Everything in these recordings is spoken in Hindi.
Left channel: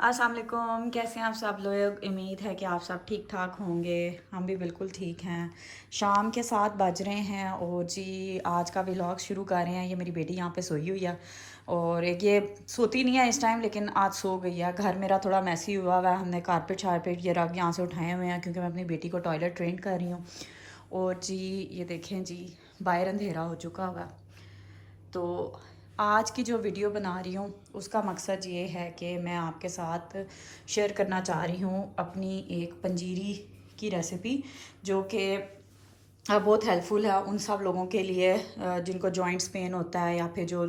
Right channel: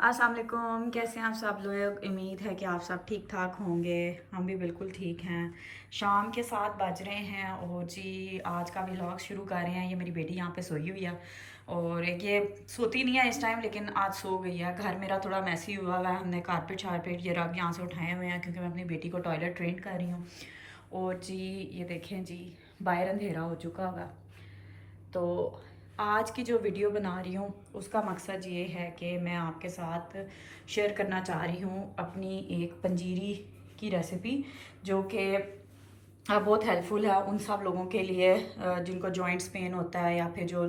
अस्सलाम वालेकुम। कैसे हैं आप सब लोग? उम्मीद है कि आप सब ठीक ठाक होंगे। हम भी बिल्कुल ठीक हैं। शाम के 7 बज रहे हैं और जी आज का व्लॉग शुरू कर रहे हैं। ये मेरी बेटी यहाँ पे सोई हुई है और ये सोती नहीं है इस टाइम, लेकिन आज सो गई है। घर मेरा थोड़ा मैसी हुआ हुआ है। हमने कारपेट शारपेट ये रग यहाँ से उठाए हुए हैं क्योंकि मैं अपनी बेटी को टॉयलेट ट्रेन कर रही हूँ। और जी ये देखें जी, बाहर अंधेरा हो चुका होगा। तो आज की जो वीडियो बना रही हूँ उसका मकसद ये है कि मैं आपके साथ शेयर करना चाह रही हूँ अपनी एक पंजीरी की रेसिपी, जो कि बहुत हेल्पफुल है उन सब लोगों के लिए जिनको जॉइंट्स पेन होता है, या फिर जो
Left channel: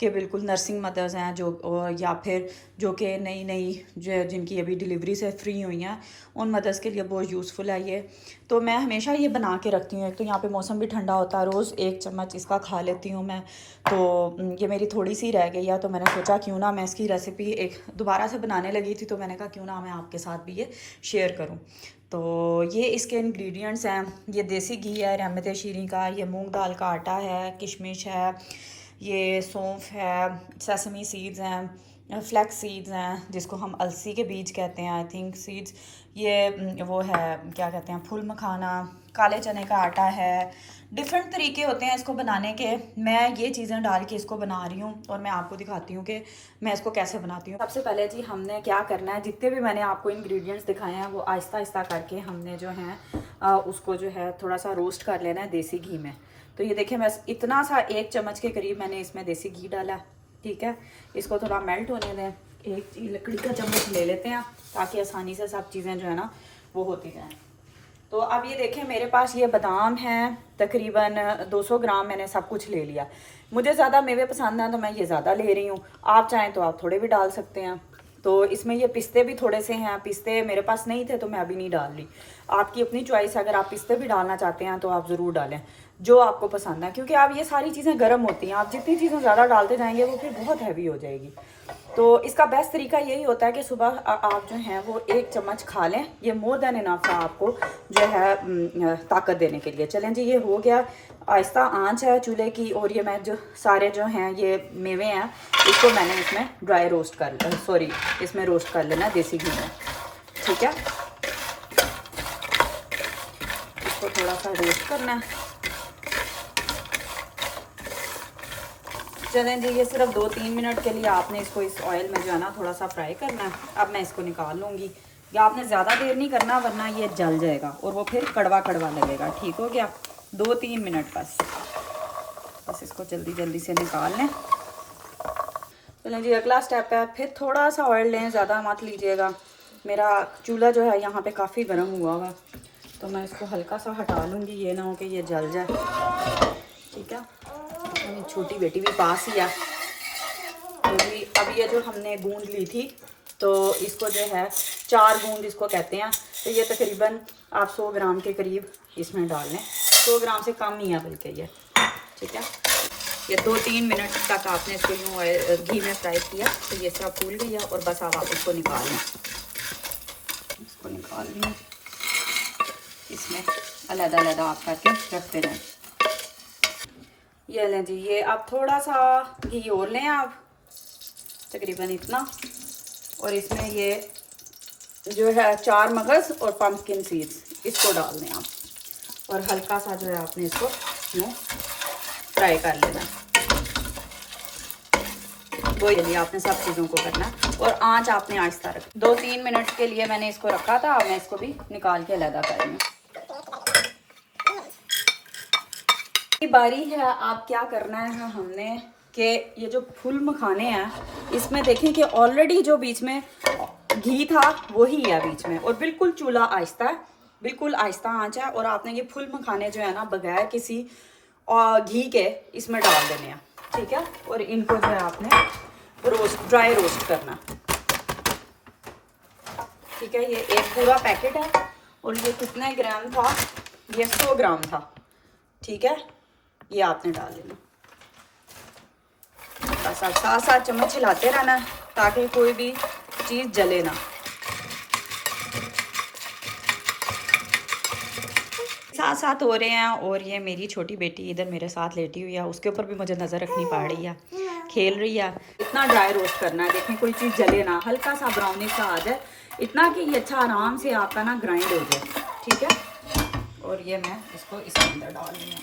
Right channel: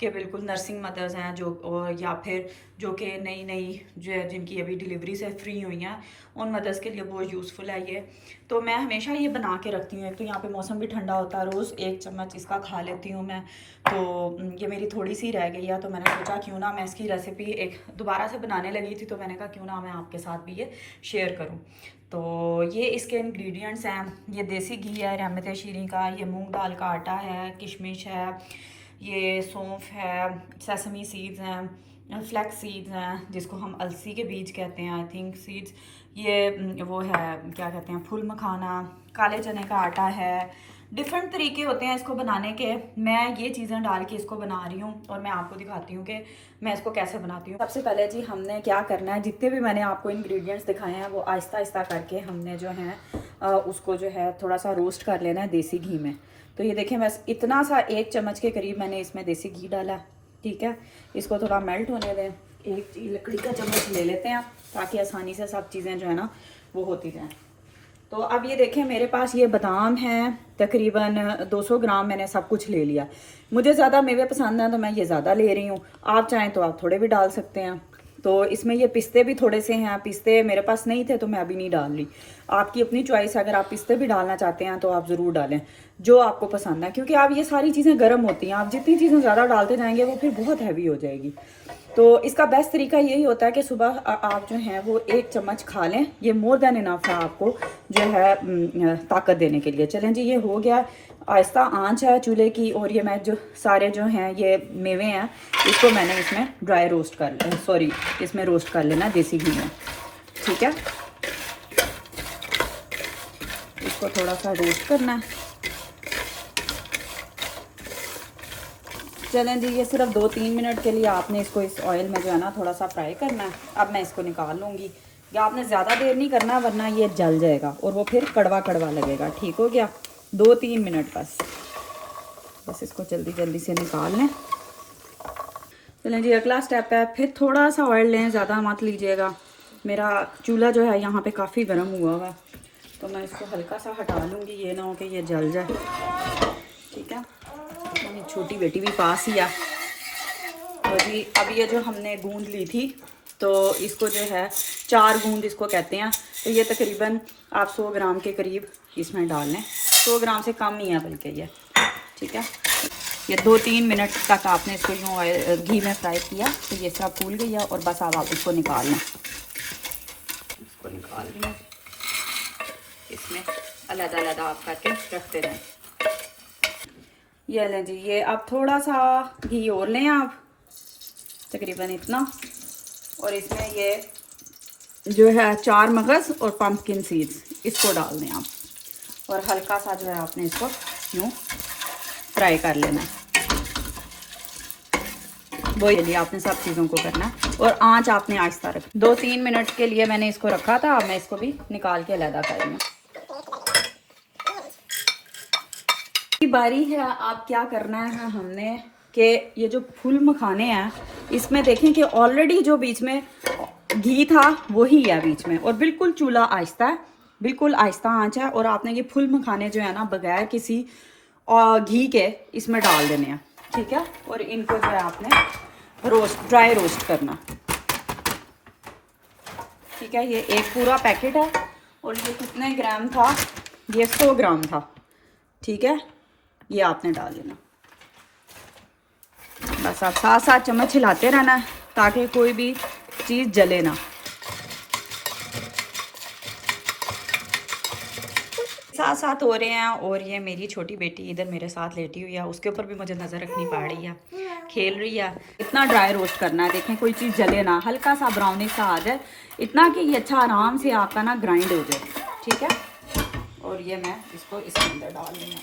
कि बिल्कुल नर्सिंग मदर्स हैं जो, और या फिर जो कि नई नई जो जिनकी अभी डिलीवरी से फ्री हुई हैं, उन मदर्स के लिए बहुत यूज़फुल है ये। तो मैं हमेशा ये बना के रखती हूँ। एक तो यहाँ पे मौसम भी ठंडा होता है, रोज़ 1 चम्मच इसका खा लेती हूँ मैं। तो ये मेरी थोड़ी सी रह गई है, तो मैंने सोचा क्यों ना मैं इसकी रेसिपी एक दोबारा से बनाने लगी थी, तो मैंने कहा क्यों ना मैं आपके साथ भी ये शेयर करूँ। तो ये इसके इंग्रेडिएंट्स हैं, ये देसी घी है रहमत शीरी का, ये मूंग दाल का आटा है, किशमिश है, ये सौंफ है, सेसमी सीड्स हैं, फ्लैक्स सीड्स हैं जिसको हम अलसी के बीज कहते हैं आई थिंक सीड्स, ये वो है क्या कहते हैं फूल मखाना, काले चने का आटा है। डिफरेंट तरीके होते हैं इसको बनाने के। मैं ये चीज़ें डाल के इसको बना रही हूँ और मैं आपको दिखाती हूँ कि मैं इसको कैसे बनाती हूँ। सबसे पहले जी हमने क्या करना है, जितने भी मैंने आपको इंग्रेडिएंट्स दिखाए हैं वो आहिस्ता आहिस्ता करके हमने जो है उसको जो है थोड़ा सा रोस्ट कर लेना है देसी घी में। तो ये देखें बस इतना सा 1 चम्मच के करीब मैंने इसमें देसी घी डाला। ठीक है, इसको थोड़ा मेल्ट होने दें। एक लकड़ी का चम्मच ले लेते हैं ताकि आसानी से सब चीज़ें जो है ना वो होती जाएँ। तो अब ये देखें मेरे पास ये बादाम हैं, तकरीबन 200 ग्राम मैंने सब कुछ ले लिया। मुझे ज़्यादा मेवे पसंद हैं तो मैं ये ज़्यादा ले रही हूँ, आप चाहें तो आप थोड़े भी डाल सकते हैं। तो इसमें ये पिस्ते भी थोड़े से हैं, पिस्ते मेरे पास नहीं थे तो मैं अभी नहीं डाल रही। आपकी अपनी चॉइस है, अगर आप पिस्ते भी डालना चाहते हैं तो आप ज़रूर डालें जो आपको पसंद है, क्योंकि आप ये सारी चीज़ें गर्म होती हैं, आप जितनी चीज़ें ज़्यादा डालते जाएंगे वो फिर बहुत हैवी हो जाएगी। तो इसका बेस्ट तरीका यही होता है कि सुबह आप जो हैं वो 1 चम्मच खा लें, ये मोर देन इनफ है आपको जो है ताकत देने के लिए। चलें जी, ये हो गया। आहिस्ता आंच है चूल्हे की, और ये मैं जो सारे जो हैं ये मेवे हैं इसको मैंने इसमें ड्राई रोस्ट कर सॉरी इसमें रोस्ट कर लेना देसी घी में। ठीक है, इसको थोड़ा सा रोस्ट करना है। चलें जी, ये सिर्फ 2-3 मिनट के लिए आपने इसको इस ऑयल में जो है ना थोड़ा सा फ्राई करना है। अब मैं इसको निकाल लूँगी, या आपने ज़्यादा देर नहीं करना वरना ये जल जाएगा और वो फिर कड़वा कड़वा लगेगा। ठीक हो गया, 2-3 मिनट बस इसको जल्दी जल्दी से निकाल लें। चलें जी, अगला स्टेप है फिर थोड़ा सा ऑयल लें, ज़्यादा मत लीजिएगा। मेरा चूल्हा जो है यहाँ पे काफ़ी गर्म हुआ हुआ है, तो मैं इसको हल्का सा हटा लूँगी, ये ना हो कि ये जल जाए। ठीक है, मेरी छोटी बेटी भी पास ही है। तो जी अब ये जो हमने गूंद ली थी तो इसको जो है 4 गूंद इसको कहते हैं, तो ये तकरीबन आप 100 ग्राम के करीब इसमें डाल लें। 100 ग्राम से कम नहीं है बल्कि ये। ठीक है, ये 2-3 मिनट तक आपने इसको यूँ घी में फ्राई किया तो ये सब फूल गई है, और बस अब आप इसको निकाल लें। इसको निकाल लें, इसमें अलग-अलग आप करके रखते रहें। ये लें जी, ये अब थोड़ा सा घी और लें आप, तकरीबन इतना, और इसमें ये जो है 4 मगज़ और पम्पकिन सीड्स इसको डाल दें आप, और हल्का सा जो है आपने इसको यूँ फ्राई कर लेना है। वो ये आपने सब चीज़ों को करना है, और आंच आपने आहिस्ता रख। 2-3 मिनट के लिए मैंने इसको रखा था, मैं इसको भी निकाल के अलग करेंगे। बारी है, आप क्या करना है हमने कि ये जो फूल मखाने हैं इसमें देखें कि ऑलरेडी जो बीच में घी था वही है बीच में, और बिल्कुल चूल्हा आहिस्ता है, बिल्कुल आहिस्ता आंच है, और आपने ये फूल मखाने जो है ना बगैर किसी घी के इसमें डाल देने हैं। ठीक है, और इनको जो है आपने ड्राई रोस्ट करना। ठीक है, ये एक पूरा पैकेट है, और ये कितने ग्राम था, ये 100 ग्राम था। ठीक है, ये आपने डाल देना। बस आप 7-7 चम्मच हिलाते रहना है ताकि कोई भी चीज़ जले ना। साथ साथ हो रहे हैं, और ये मेरी छोटी बेटी इधर मेरे साथ लेटी हुई है, उसके ऊपर भी मुझे नज़र रखनी पड़ रही है खेल रही है। इतना ड्राई रोस्ट करना है, देखें कोई चीज़ जले ना, हल्का सा ब्राउनिश सा आ जाए, इतना कि ये अच्छा आराम से आपका ना ग्राइंड हो जाए, ठीक है। और ये मैं इसको इसके अंदर डाल रही हूँ।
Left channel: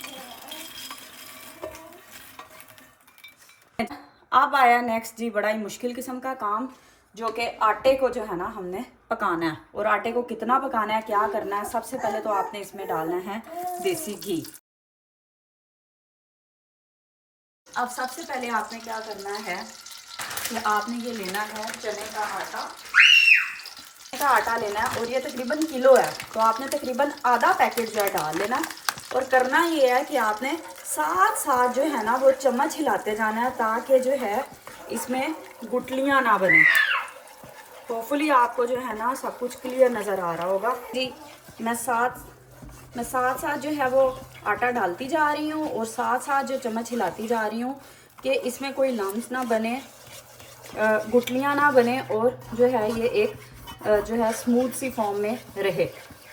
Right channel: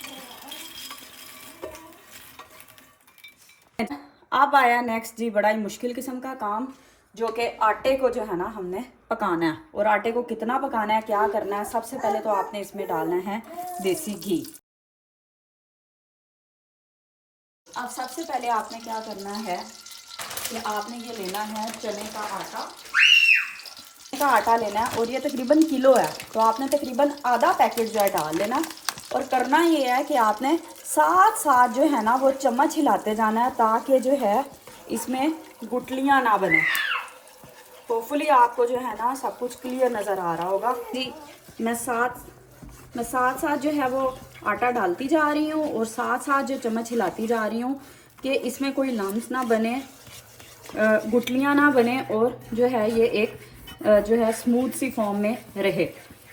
अब आया नेक्स्ट जी बड़ा ही मुश्किल किस्म का काम, जो कि आटे को जो है ना हमने पकाना है। और आटे को कितना पकाना है, क्या करना है, सबसे पहले तो आपने इसमें डालना है देसी घी। अब सबसे पहले आपने क्या करना है कि आपने ये लेना है चने का आटा लेना है, और ये तकरीबन किलो है, तो आपने तकरीबन आधा पैकेट जो है डाल लेना। और करना ये है कि आपने साथ साथ जो है ना वो चम्मच हिलाते जाना है, ताकि जो है इसमें गुठलियाँ ना बने। होपफुली आपको जो है ना सब कुछ क्लियर नज़र आ रहा होगा जी। मैं साथ साथ जो है वो आटा डालती जा रही हूँ, और साथ साथ जो चम्मच हिलाती जा रही हूँ कि इसमें कोई लम्स ना बने, गुठलियाँ ना बने, और जो है ये एक जो है स्मूथ सी फॉर्म में रहे,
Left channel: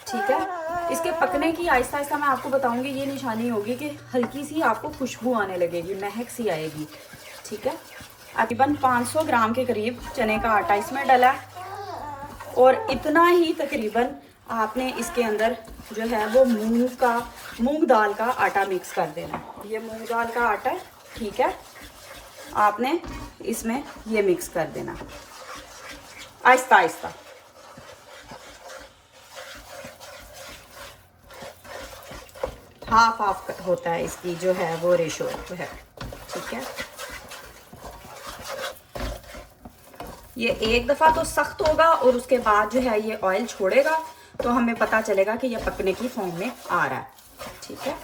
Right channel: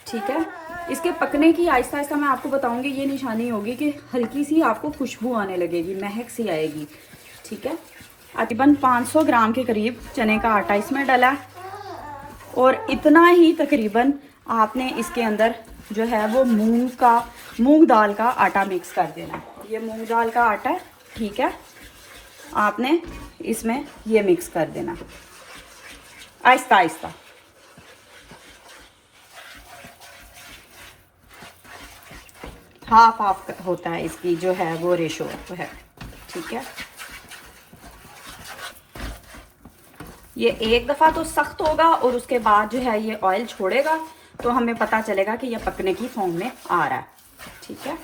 ठीक है। इसके पकने की आहिस्ता आहिस्ता मैं आपको बताऊंगी, ये निशानी होगी कि हल्की सी आपको खुशबू आने लगेगी, महक सी आएगी, ठीक है। तकरीबन 500 ग्राम के करीब चने का आटा इसमें डाला है, और इतना ही तकरीबन आपने इसके अंदर जो है वो मूंग दाल का आटा मिक्स कर देना। ये मूंग दाल का आटा है, ठीक है, आपने इसमें ये मिक्स कर देना आहिस्ता आहिस्ता। हाफ हाफ होता है इसकी जो है वो रेशो है, ठीक है। ये एक दफ़ा तो सख्त होगा, और उसके बाद जो है ये ऑयल छोड़ेगा, तो हमें पता चलेगा कि ये पकने की फॉर्म में आ रहा है, ठीक है।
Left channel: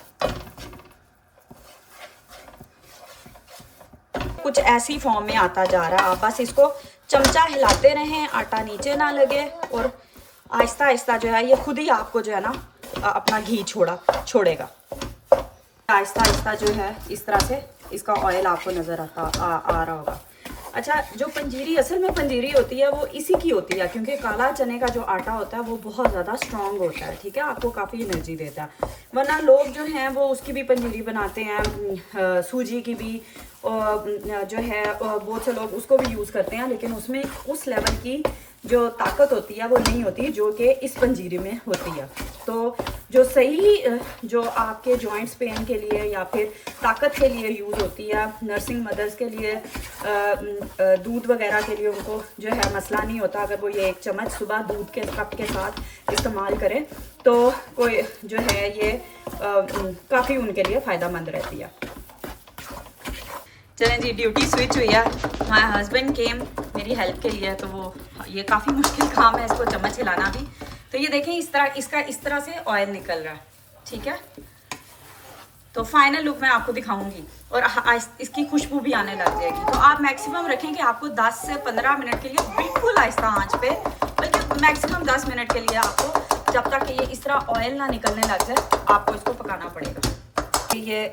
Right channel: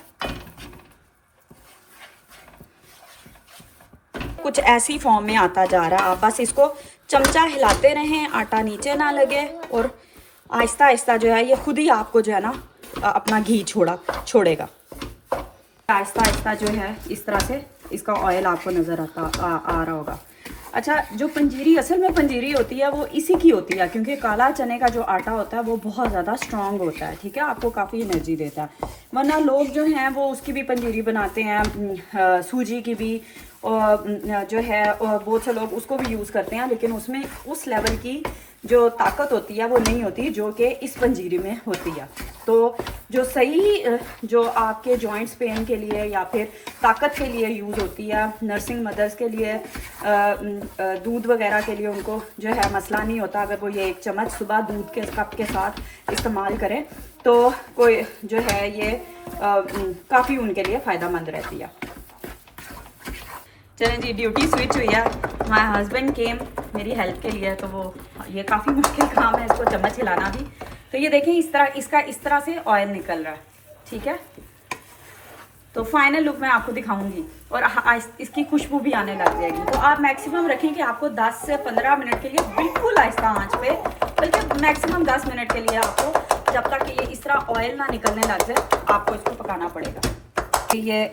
कुछ ऐसी फॉर्म में आता जा रहा है, आप बस इसको चमचा हिलाते रहें, आटा नीचे ना लगे, और आहिस्ता आहिस्ता जो है ये खुद ही आपको जो है ना अपना घी छोड़ेगा। आहिस्ता आहिस्ता जो है इस तरह से इसका ऑयल आपको नज़र आ रहा होगा। अच्छा, जो पंजीरी असल में पंजीरी होती है वो इसी की होती है, क्योंकि काला चने का जो आटा होता है वो बहुत ज़्यादा स्ट्रॉन्ग होता है, ठीक है, आपको काफ़ी एनर्जी देता है। वरना लोग जो हैं वो उसकी भी पंजीरी बनाते हैं, सूजी की भी, और जो है बहुत से लोग उसको भी यूज़ करते हैं, लेकिन उसमें उस लेवल की जो ताकत होती है वो नहीं होती जो कि इस पंजीरी में होती है। तो जो सही जो आपके जॉइंट्स पेन के लिए या फिर ताकत के लिए यूज़ होती है, नर्सिंग मदर्स के लिए, दूध वगैरह के लिए, उनको जो है मसला नहीं होता अगर वो ये 1 चम्मच सुबह दूध के कप के साथ इस्तेमाल करें, तो कोई जो है ये काफ़ी उनके लिए फ़ायदेमंद रहती है। चलें जी, ड्यूटी स्विच हुई है। माय हस्बैंड केम मेरी हेल्प के लिए, तो वो ये काफ़ी मुश्किल काम है इसको चम्मच हिलाना भी। तो ये देखें इस तरह से ऑयल निकल रहा है, ठीक है। तो फाइनल लुक मैं आपको दिखाऊंगी, और इसकी खुशबू भी आने लग जाएगी। तो आप मैक्सिमम रखें कि आपको 10 से 15 मिनट के लिए बिल्कुल आहिस्ता आंच पे, बल्कि मैक्सिमम 10 मिनट के लिए आपको, जब तक ये इस तरह ऑयल ना निकलने लग जाए, आपको इसको पकाना पड़ेगा। ये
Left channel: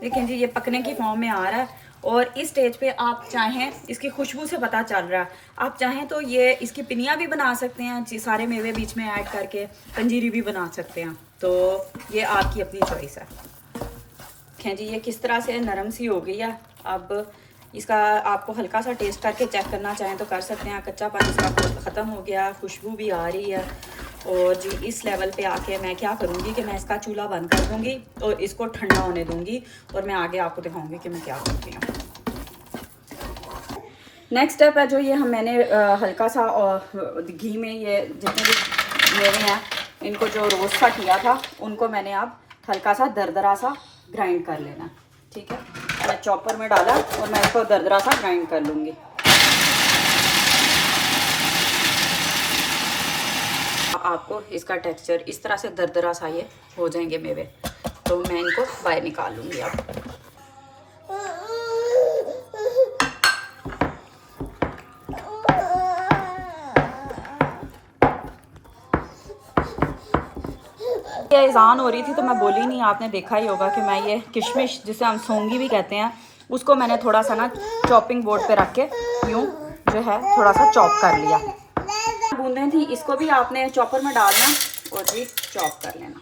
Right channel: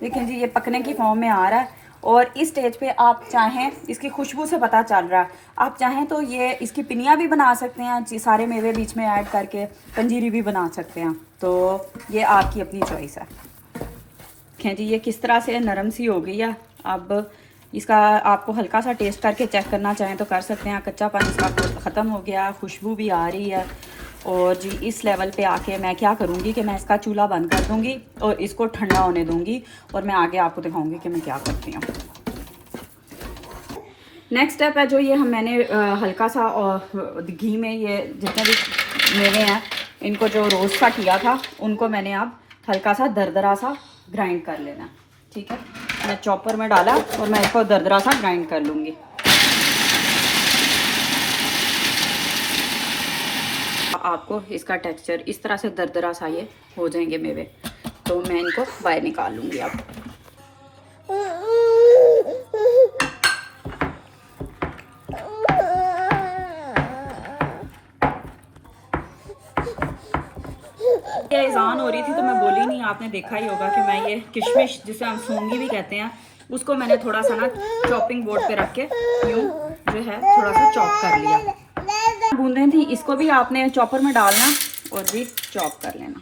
देखें जी, ये पकने की फॉर्म में आ रहा है, और इस स्टेज पे आप चाहें, इसकी खुशबू से पता चल रहा है, आप चाहें तो ये इसकी पिनियाँ भी बना सकते हैं, सारे मेवे बीच में ऐड करके पंजीरी भी बना सकते हैं। तो ये आपकी अपनी चॉइस है। देखें जी, ये किस तरह से नरम सी हो गई है। अब इसका आपको हल्का सा टेस्ट करके चेक करना चाहें तो कर सकते हैं, कच्चापन इसका ख़त्म हो गया, खुशबू भी आ रही है। और जी इस लेवल पे आके मैं क्या करूँगी कि मैं इसका चूल्हा बंद कर दूँगी और इसको ठंडा होने दूँगी, और मैं आगे आपको दिखाऊँगी कि मैं क्या करती हूँ। नेक्स्ट स्टेप है जो ये मैंने हल्का सा घी में ये जितने भी मेवे हैं इनको जो रोस्ट सा किया था, उनको मैंने अब हल्का सा दरदरा सा ग्राइंड कर लेना, ठीक है। मैं चॉपर में डाला और मैं इसको दरदरा सा ग्राइंड कर लूँगी। आपको इसका टेक्सचर इस तरह से दरदरा सा ये हो जाएंगे मेवे, तो मैं इनको बाहर निकाल लूँगी। आप अज़ान हो रही थी तो मैं बोली नहीं, आपने देखा ही होगा कि मैं ये किशमिश जिसे हम सौंगी भी कहते हैं, उसको मैंने थोड़ा सा ना चॉपिंग बोर्ड पे रख के यूँ जो है थोड़ा सा चॉप कर लिया। बूंदें थी, इसको भी आपने चॉपर में डालना और भी चॉप कर लेना।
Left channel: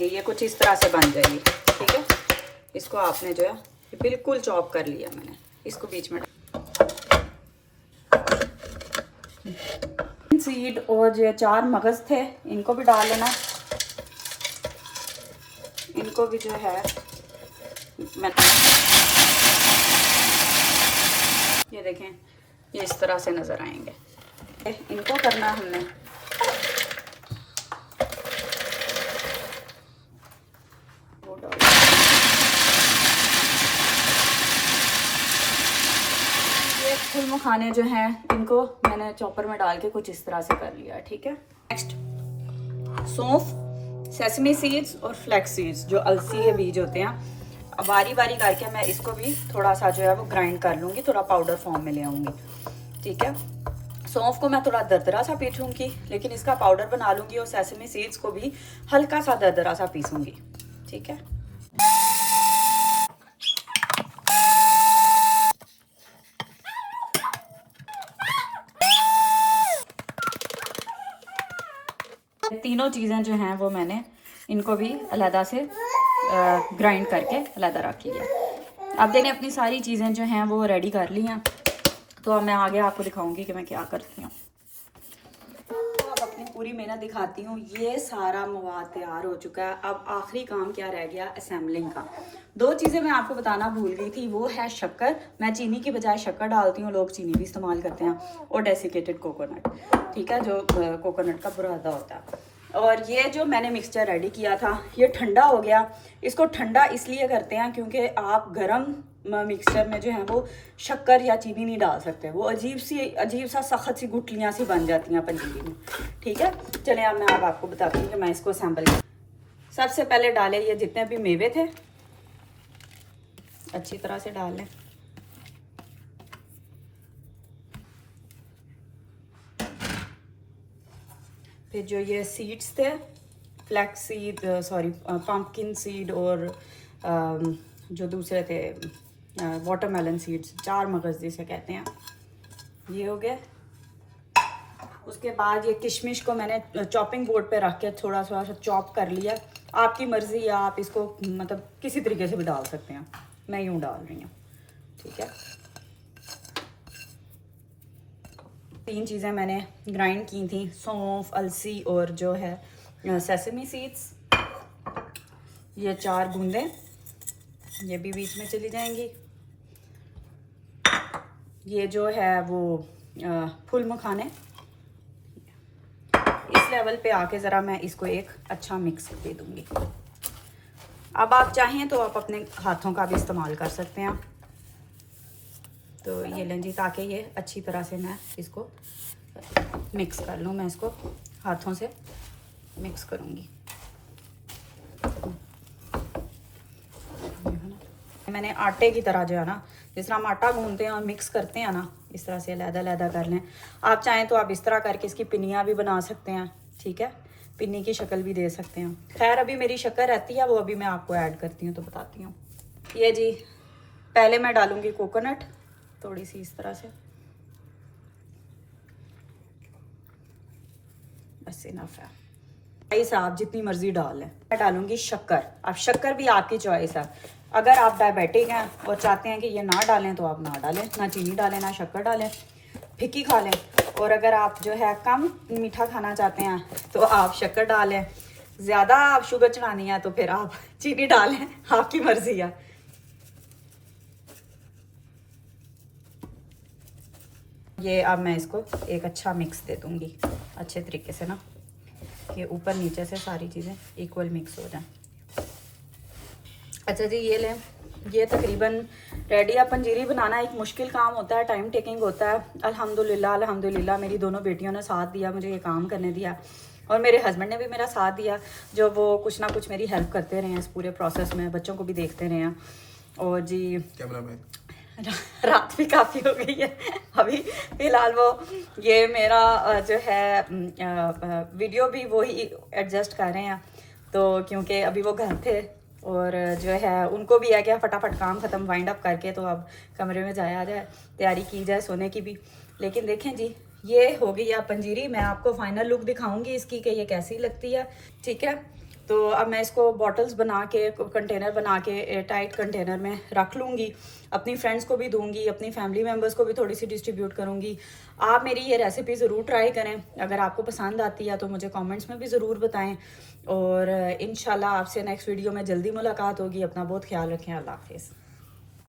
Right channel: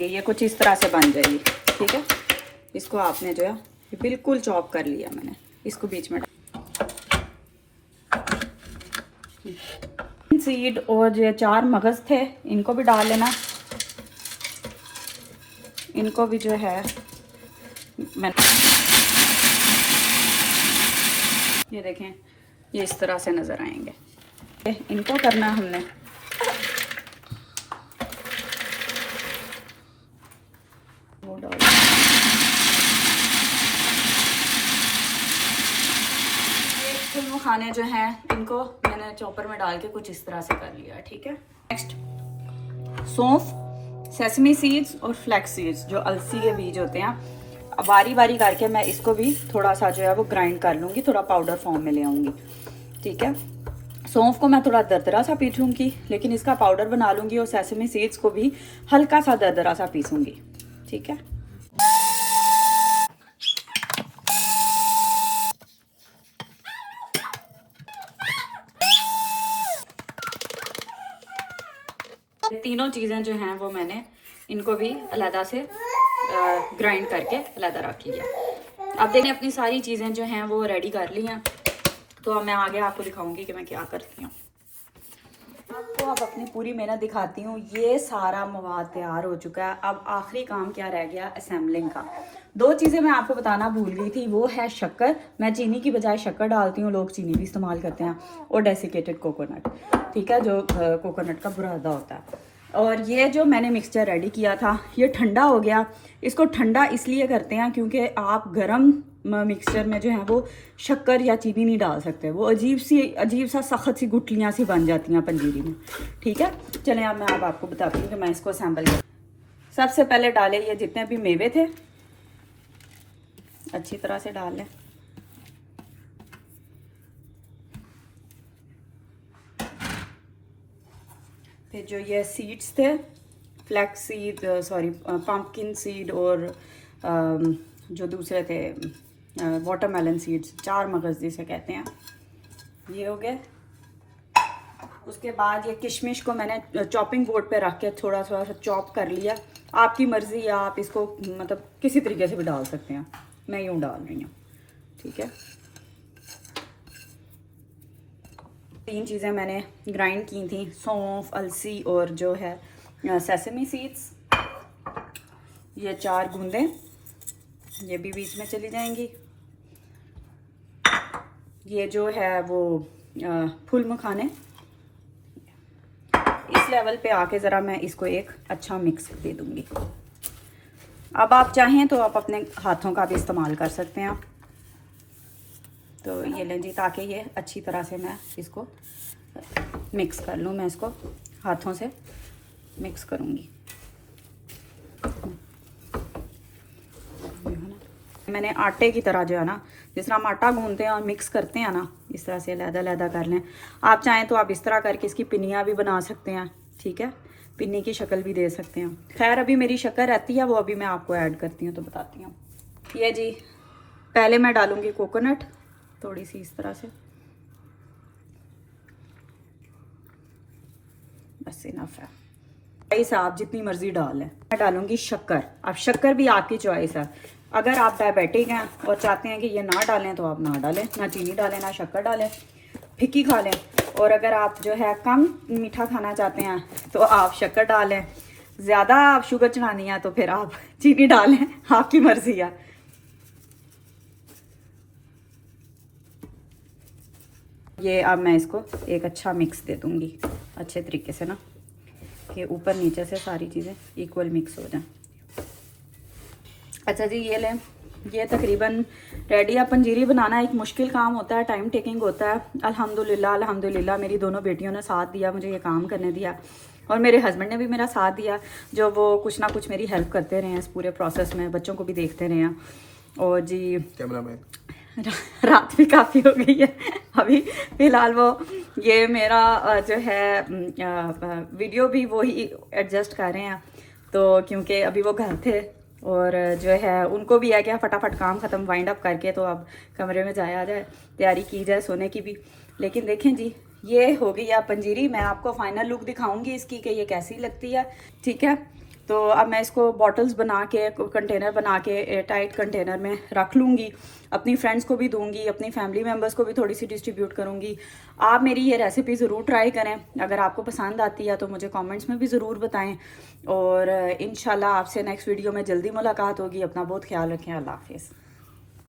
ये कुछ इस तरह से बन जाएगी, ठीक है। इसको आपने जो है बिल्कुल चॉप कर लिया मैंने, इसको बीच में सीड और जो 4 मगज़ थे इनको भी डाल लेना। इनको भी जो है मैं ये देखें, ये इस तरह से नज़र आएंगे। इनको करना हमने फुल मखाने जो हैं इनको मैंने चॉपर में डाल के कुछ इस तरह से कर लिया है, ठीक है। नेक्स्ट सौंफ, सेसमी सीड्स और फ्लैक्स सीड्स जो अलसी के बीज होते हैं, अब बारी बारी करके मैं इसको भी थोड़ा सा जो है वो ग्राइंड कर लूँगी, थोड़ा पाउडर फॉर्म में ले आऊँगी, ठीक है। सौंफ को मैं थोड़ा दरदरा सा पीसूँगी लेकिन इसका पाउडर बना लूँगी, और सेसमी सीड्स को भी हल्का सा दरदरा सा पीसूँगी, ठीक है। तीनों चीज़ें जो हैं वो मैंने इनको भी अलहदा से ग्राइंड करके अलहदा रख लिया। अब देखें अपनी सारी चीज़ें जो हैं वो रेडी कर ली हैं, तो अब मैं आगे आपको दिखाऊंगी कि मैं क्या करती हूँ। तो अब अपनी पूरी मेहनत दिखाती हूँ। ये सारा मवाद तैयार हो चुका है। अब आखिरी काम क्या रह गया, असेंबलिंग का। 2 चीज़ें मैं आपको बताना भूल गई थी, वो है शक्कर। मैं चीनी की बजाय शक्कर डालती हूँ, लोग चीनी भी इस्तेमाल करते हैं, और डेसिकेटेड कोकोनट, ठीक है, जो कोकोनट का बुरादा होता है। और ये जो मैंने मिक्सचर रेडी किया था ये ठंडा हो गया। इसको ठंडा इसलिए करते हैं क्योंकि आप गरम मिक्सचर में जो है वो शक्कर या चीनी नहीं डाल सकते, वो अजीब सा सख्त सी गुठलियाँ सी बन जाती हैं पंजीरी में, ठीक है। चलिए अब मैं आपको बताती हूँ कि मैं इसको असेंबल कर। सबसे पहले डालें ये जितने भी मेवे थे अच्छी तरह से डाल लें। फिर जो ये सीड्स थे, flax seed, sorry pumpkin seed, और जो दूसरे थे वाटरमेलन सीड्स, 4 मगज़ जिसे कहते हैं, ये हो गए। उसके बाद ये किशमिश को मैंने चॉपिंग बोर्ड पे रख के थोड़ा सा चॉप कर लिया। आपकी मर्ज़ी है, आप इसको मतलब किसी तरीके से भी डाल सकते हैं, मैं यूँ डाल रही हूँ, ठीक है। 3 चीज़ें मैंने ग्राइंड की थी, सौंफ, अलसी और जो है सेसमी सीड्स। ये 4 बूंदें ये भी बीच में चली जाएंगी। ये जो है वो फूल मखाने, इस लेवल पे आके ज़रा मैं इसको एक अच्छा मिक्स दे दूँगी। अब आप चाहें तो आप अपने हाथों का भी इस्तेमाल कर सकते हैं। तो ये लें जी, ताकि ये अच्छी तरह से मैं इसको मिक्स कर लूँ। मैं इसको हाथों से मिक्स करूँगी। मैंने आटे की तरह जो है ना, जिस तरह हम आटा गूंदते हैं और मिक्स करते हैं ना, इस तरह से लहदा कर लें। आप चाहें तो आप इस तरह करके इसकी पिन्नियाँ भी बना सकते हैं, ठीक है, पिन्नी की शक्ल भी दे सकते हैं। खैर अभी मेरी शक्कर रहती है, वो अभी मैं आपको ऐड करती हूँ तो बताती हूँ। ये जी, पहले मैं डालूँगी कोकोनट थोड़ी सी इस तरह से, बस इनफ है। चॉइस आप जितनी मर्जी डाल लें। मैं डालूंगी शक्कर। अब शक्कर भी आपकी चॉइस है। अगर आप डायबिटिक हैं और चाहते हैं कि ये ना डालें तो आप ना डालें, ना चीनी डालें ना शक्कर डालें, फिक्की खा लें। और अगर आप जो है कम मीठा खाना चाहते हैं तो आप शक्कर डालें। ज़्यादा आप शुगर चढ़ानी है तो फिर आप चीनी डालें, आपकी मर्जी है। ये अब मैं इसको एक अच्छा मिक्स दे दूँगी अच्छे तरीके से ना, कि ऊपर नीचे से सारी चीज़ें इक्वल मिक्स हो जाएं। अच्छा जी, ये लें, ये तकरीबन रेडी है। पंजीरी बनाना एक मुश्किल काम होता है, टाइम टेकिंग होता है। अल्हम्दुलिल्लाह मेरी दोनों बेटियों ने साथ दिया, मुझे ये काम करने दिया, और मेरे हस्बैंड ने भी मेरा साथ दिया, जो वो कुछ ना कुछ मेरी हेल्प करते रहे इस पूरे प्रोसेस में, बच्चों को भी देखते रहे हैं। और जी कैमरामैन रात भी काफ़ी हो गई है अभी फ़िलहाल। वो ये मेरा जो है वीडियो भी वही एडजस्ट कर रहे हैं, तो क्योंकि अभी वो घर थे और जो है उनको भी है कि फटाफट काम ख़त्म वाइंड अप करके तो अब कमरे में जाया जाए, तैयारी की जाए सोने की भी। लेकिन देखें जी, ये हो गई है पंजीरी। मैं आपको फाइनल लुक दिखाऊंगी इसकी कि ये कैसी लगती है, ठीक है। तो अब मैं इसको बॉटल्स बना के, कंटेनर बना के एयर टाइट कंटेनर में रख लूँगी, अपनी फ्रेंड्स को भी दूंगी, अपनी फैमिली मेम्बर्स को भी थोड़ी सी डिस्ट्रीब्यूट करूँगी। आप मेरी ये रेसिपी ज़रूर ट्राई करें, अगर आपको पसंद आती है तो मुझे कमेंट्स में भी ज़रूर बताएं, और इंशाल्लाह आपसे नेक्स्ट वीडियो में जल्दी मुलाकात होगी। अपना बहुत ख्याल रखें। अल्लाह हाफिज़।